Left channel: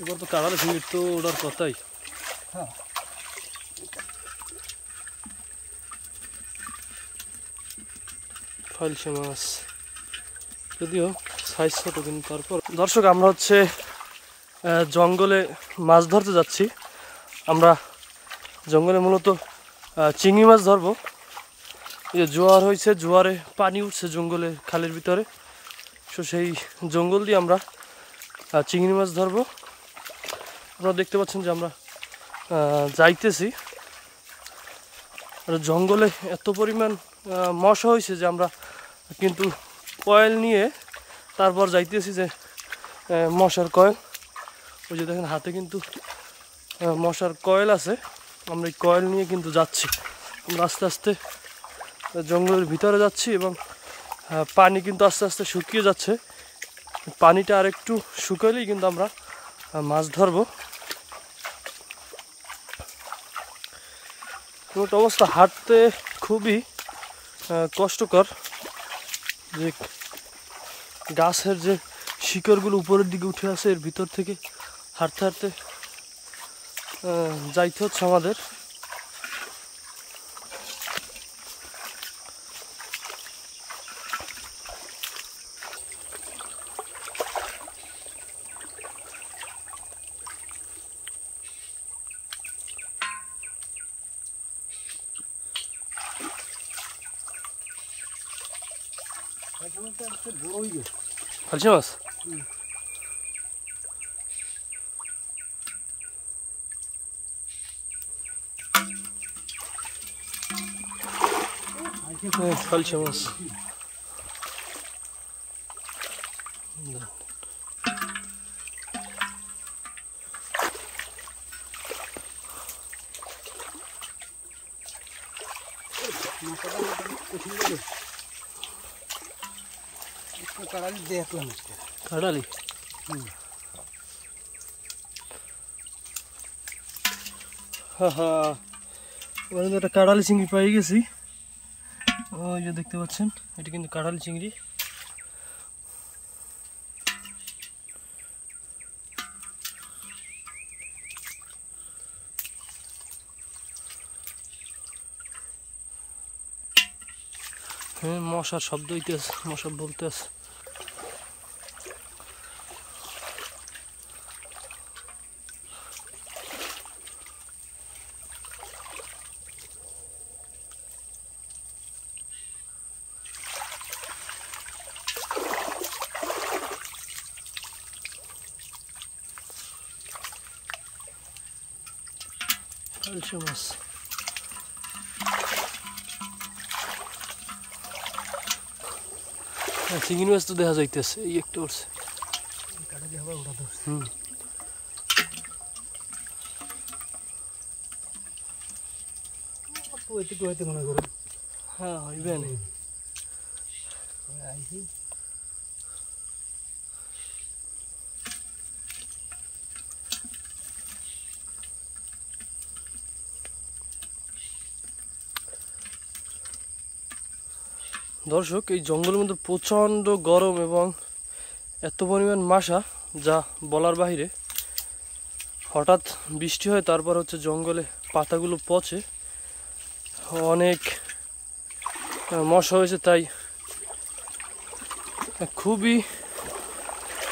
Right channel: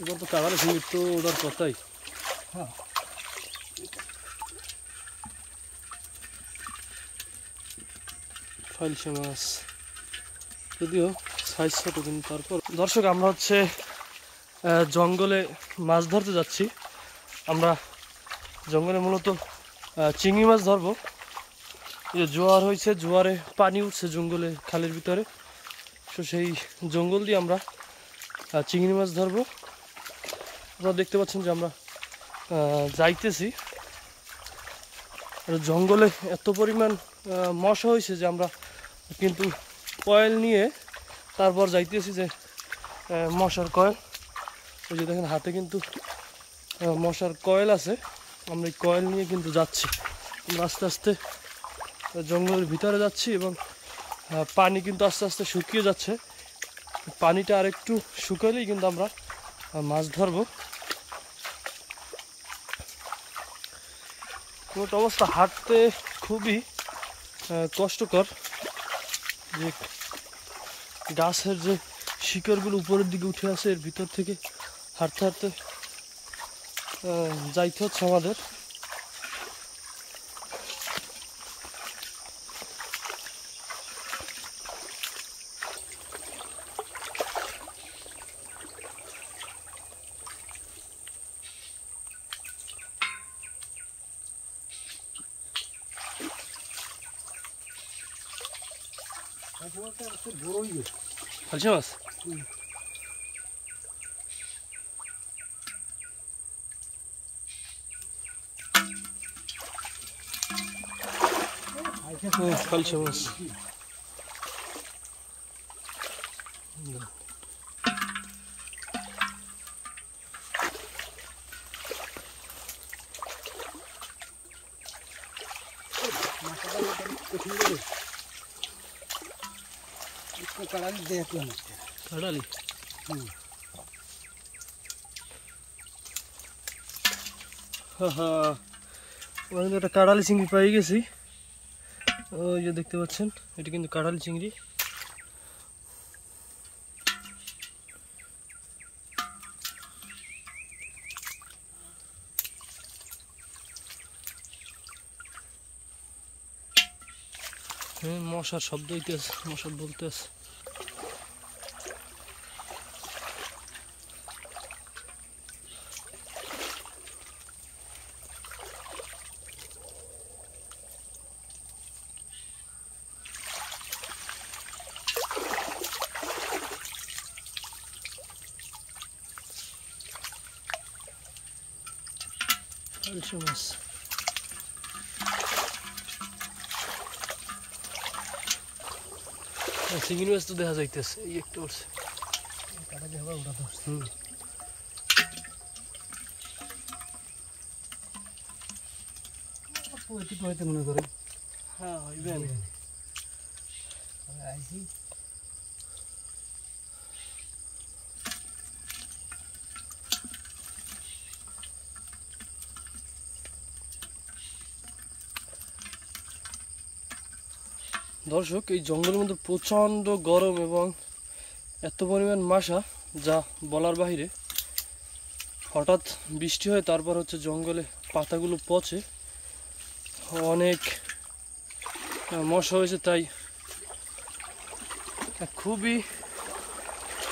এবার তো কাড়ালে চিংড়ি তো ওটার কথাই। হ্যাঁ ফাইলসে মাছ যদিও সাইজ ছোট, কিন্তু তারপর দর্শক আমরা হচ্ছে জঙ্গলে মাছ ধরতে যাচ্ছি। আমরা জঙ্গলে মূলত চিংড়ি মাছ ধরবো। এই জোয়ার হয়েছে, জোয়ারে পানি উঠছে জঙ্গলে খালের ভিতরে, তো সেই জঙ্গল দিয়ে আমরা চিংড়ি মাছ ধরবো। আপনারা দেখতে পাচ্ছেন যে আমরা যাইতেছি। আর জঙ্গলে এত পরিমাণ মশা হয়েছে যে আমরা কিন্তু কয়েল নিয়ে তারপর যাইতেছি, যে মশার কয়েল। ওই যে দেখেন হাতে কিন্তু মশার কয়েল আছে, আমরা এই কয়েল নিয়ে কিন্তু যাচ্ছি। আমরা আস্তে আস্তে জঙ্গলের ভিতরে যাচ্ছি এবং পানি কিন্তু আস্তে আস্তে শুকিয়ে যাচ্ছে। পানিটা আর একটু শুকালেই কিন্তু আমরা মাছ ধরবো। কিন্তু অবস্থা হাঁটতে খুবই কষ্টকর, যে গাছের যে শিকড়গুলো উপরের দিকে উঠে আসে, এর ভিতর থেকে হাঁটতে হাঁটতে যাইতে হচ্ছে আমাদের। ফালসি মাছ ফালসি মাছ কাড়ালি দেখলাম কাড়ালি। হ্যাঁ হ্যাঁ, ওখানে তো একটা কাড়ালি চিংড়ি পেয়ে গেছি। ওই যে দেখতে পাচ্ছেন, এটা কিন্তু কাড়ালি চিংড়ি। হ্যাঁ, মশার শব্দ হইতেছে, মশা বলতে আছে। ফালসি মাছ চিংড়ি মাছ তো দেখা যাইতেছে, এই একটা উঠছে। কাড়ালি হবে ওটা তো। এটুকু হয়তো মনে করো। হ্যাঁ হইবেন। আইসি দর্শক, এই জঙ্গলের মধ্যে প্রচণ্ড গরম এবং এত পরিমাণ মশা যা বলার বাহিরে। হঠাৎ বৃষ্টি হয়, তারপর হচ্ছে জঙ্গলে পাতাগুলো পচে, অনেক মশা হয়েছে, তাই খুবই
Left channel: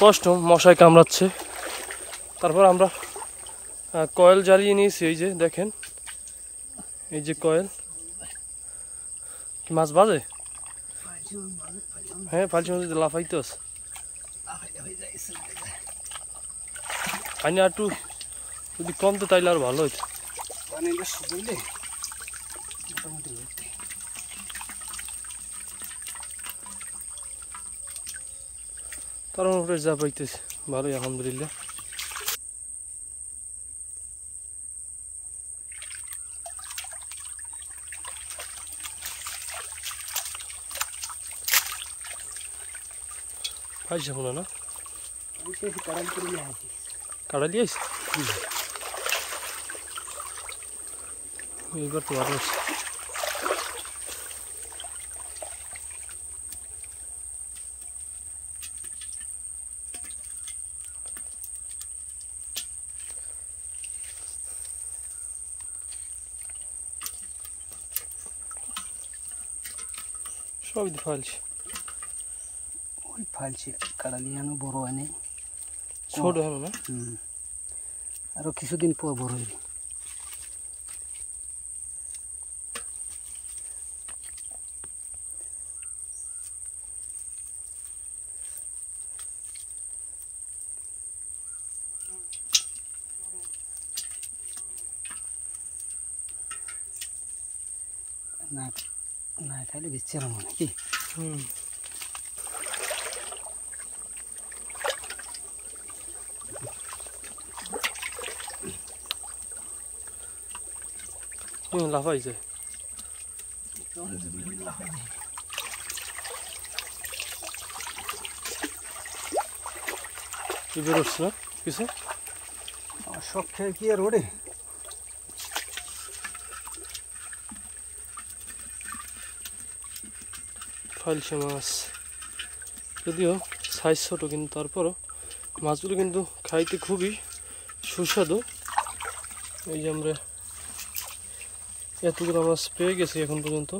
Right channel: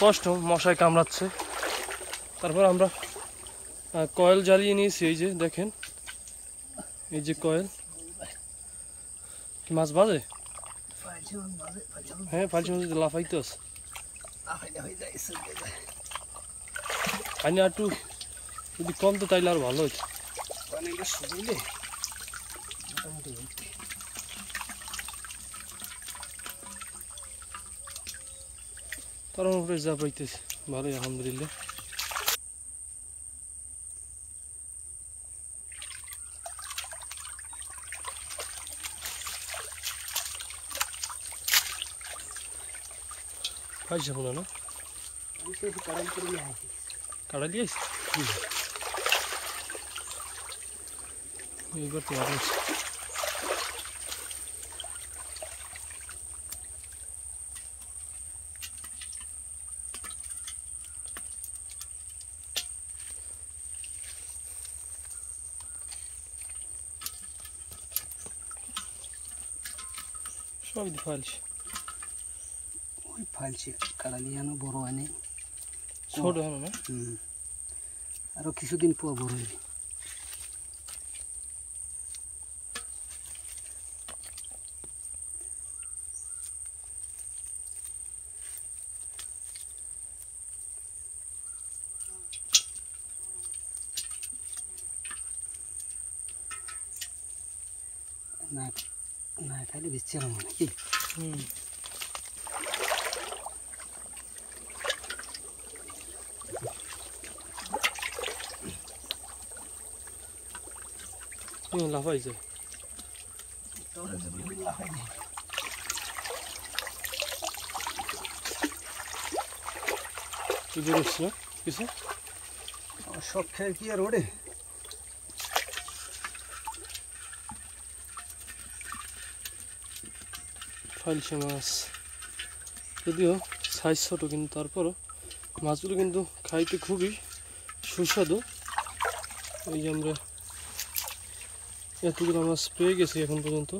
কষ্ট, মশায় কামড়াচ্ছে। তারপর আমরা কয়েল জ্বালিয়ে নিয়েছি, এই যে দেখেন, এই যে কয়েল। মাছ বাজে? হ্যাঁ, ফালসি মাছ লাফাইতে আছে। পানি আর একটু যদি কমতো তাইলে আর ভালো হইতো। তার উপরে যা পাইতেছে ভালোই, আলহামদুলিল্লাহ। ফাইসা মনে না কাড়ালি আইস, এইবার তো ভালো আছে। সব ফালছে ওই ফালছে কাড়ালি আনো বড় হয় নাই ছোট হলো না আরো কিছুদিন পর বড় হইবে না না খাইলে দিচ্ছে না নাকি লাফাইছে বেরোচ্ছে না কিছু সব খেয়ে কি আর ওড়ে ফালছে মাছ যদিও সাইজ ছোট কিন্তু তারপরও মাছগুলো কিন্তু খাইতে খুবই সুস্বাদু এই যে আমরা এতগুলো মাছ পেয়ে গেছি এখন পর্যন্ত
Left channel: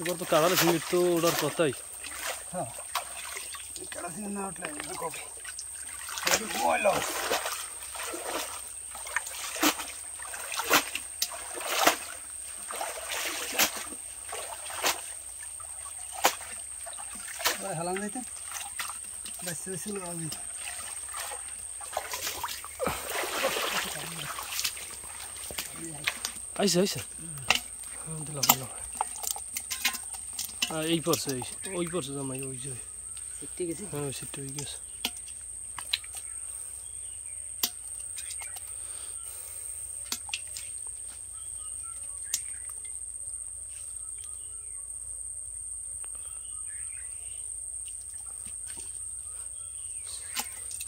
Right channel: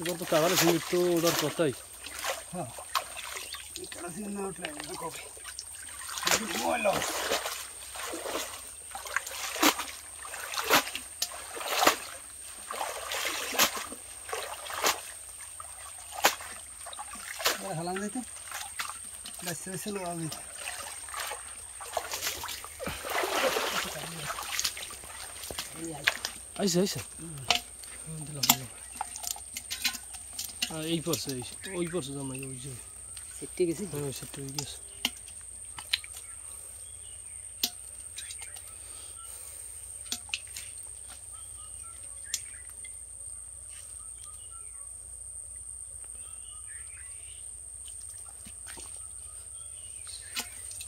এবার তো কাঁড়ালে ফিঙ্গির তো ওটার কথাই হ্যাঁ না উঠলে কবে হালাম যাইতে বাচ্চা বাচ্চা লোক আইসে আইসে এই পড়ছে ওই পড়ছে জামাই ওই যে সেটটি গেছি হ্যাঁ সেটা হয়ে গেছে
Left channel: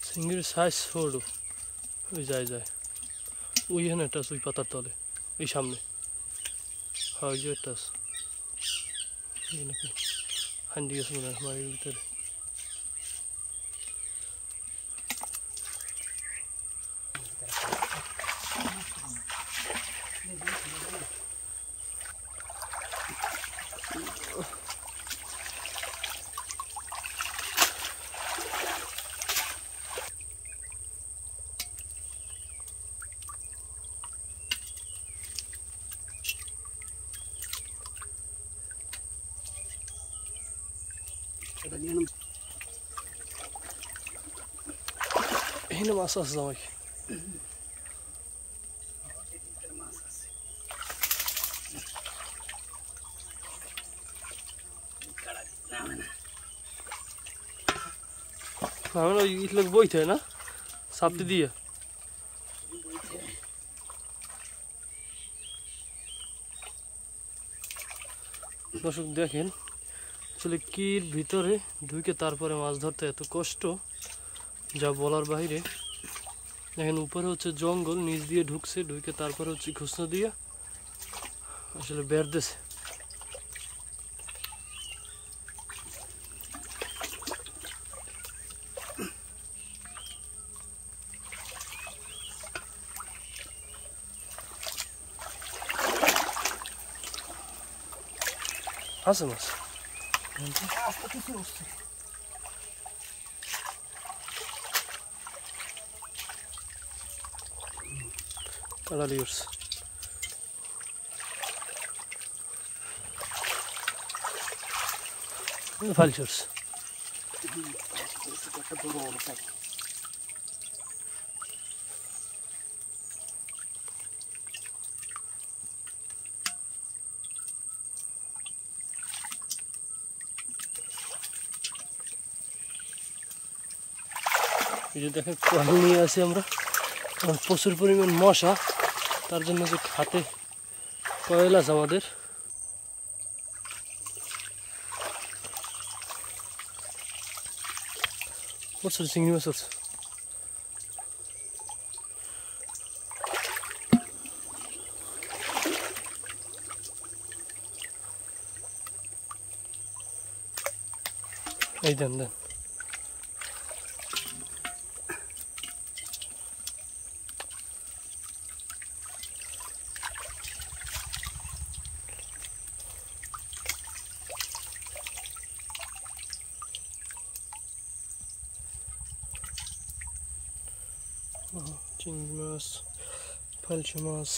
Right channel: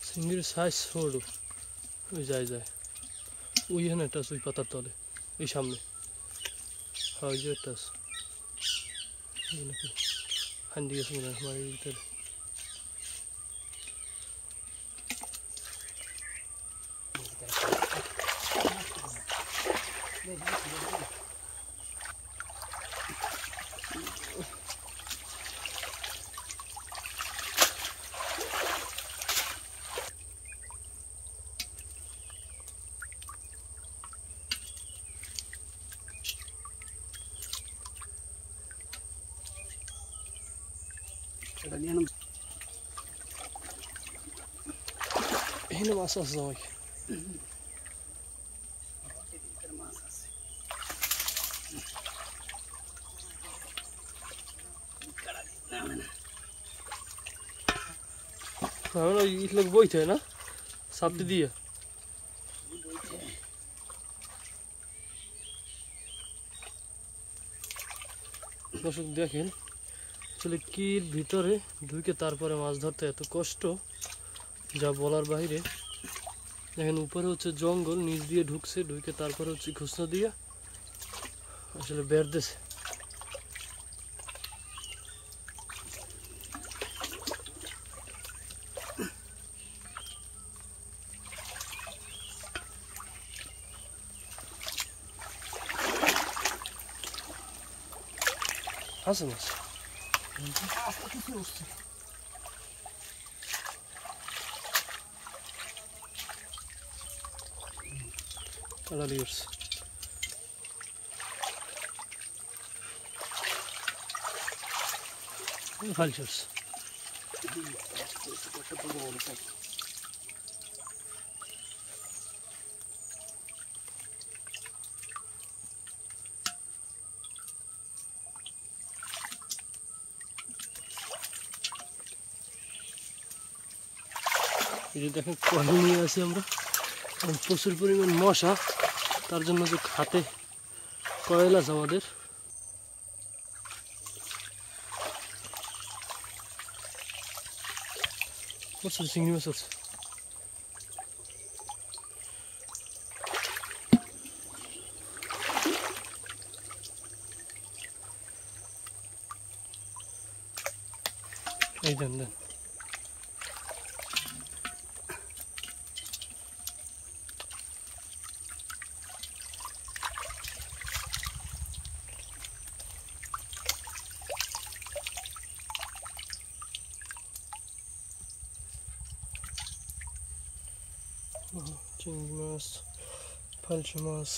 চিংড়ির সাইজ ছোট ওই যায় ওইখানে একটা আছে ওই পাতার তলে এই সামনে হয় ওই যে একটা আছে নাকি হান্ডি গেছে মনে হয় মাটির ভিতরে এখানে মাছ আছে জামাই ওই ইটলোক বইতে হয় না সাপটি দিয়ে দর্শক দেখেন আসলে কির ভিতরে ঢুকে তারপরে মাছ ধরতে এত কষ্ট যা বলার বাইরে দেখেন উপরে হচ্ছে জঙ্গল নিচ দিয়ে ঢুকছে ঢুকে তারপরে হচ্ছে খুসনা দিয়ে আসলে বের দিছে আছে মাছ কাড়ালি উঠছে ফাল চড়ছে এই যে দেখেন কয়েল নিয়ে আছি আমরা প্রচুর পরিমাণ মশা তার জন্য যে হাতে কয়েল আছে আমাদের প্রচুর চিংড়ি মাছ আছে এই দেন দেন চিংড়ি মাছ, ফালসা মাছ।